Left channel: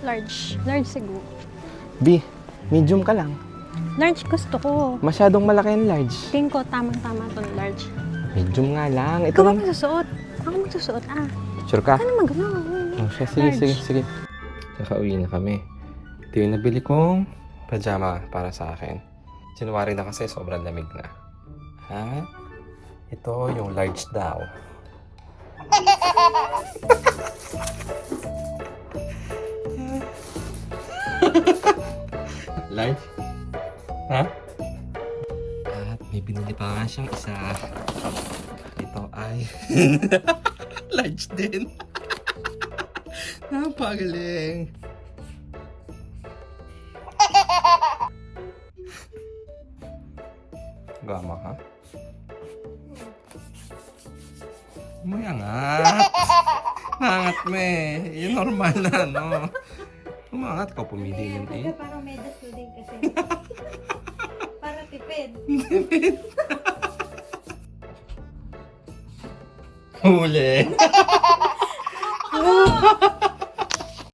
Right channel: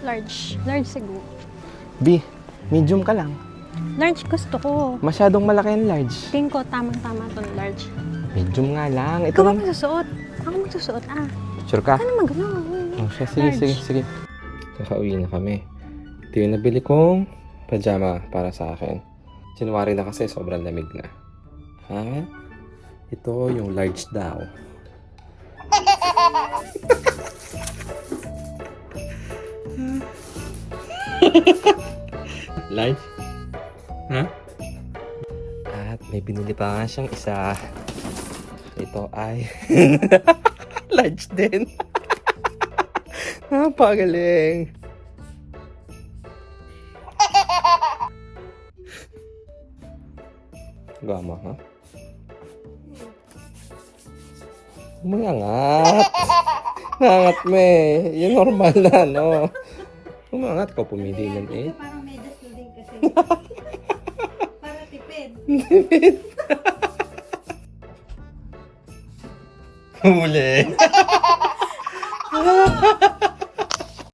Large. Large siguro. B, medium ka lang. Large gusto ko. Masyadong malaki ang large. Tingin ko tamang-tama itong large. Medium nga lang. Ito Ikaw lang. magsusuot. Ako magsusuot. Sure ka? Ano magano? Oh, siya, sige, Large. sige, sige. Kakauwi na kami. Ito yung nabili kong pajama para sa akin. January na kasi, sobrang lamig na. Ha? Ito yung large daw. Large? Ha? At may binili pa nga siyang isa. Ito ay large din. Napagaling. Gama, ha? Umangat. Umangat mo eh. Yung normal na, no? Umangat ka, pumihilan eh. Parang may dasto din kasi. Para tipid. Huli.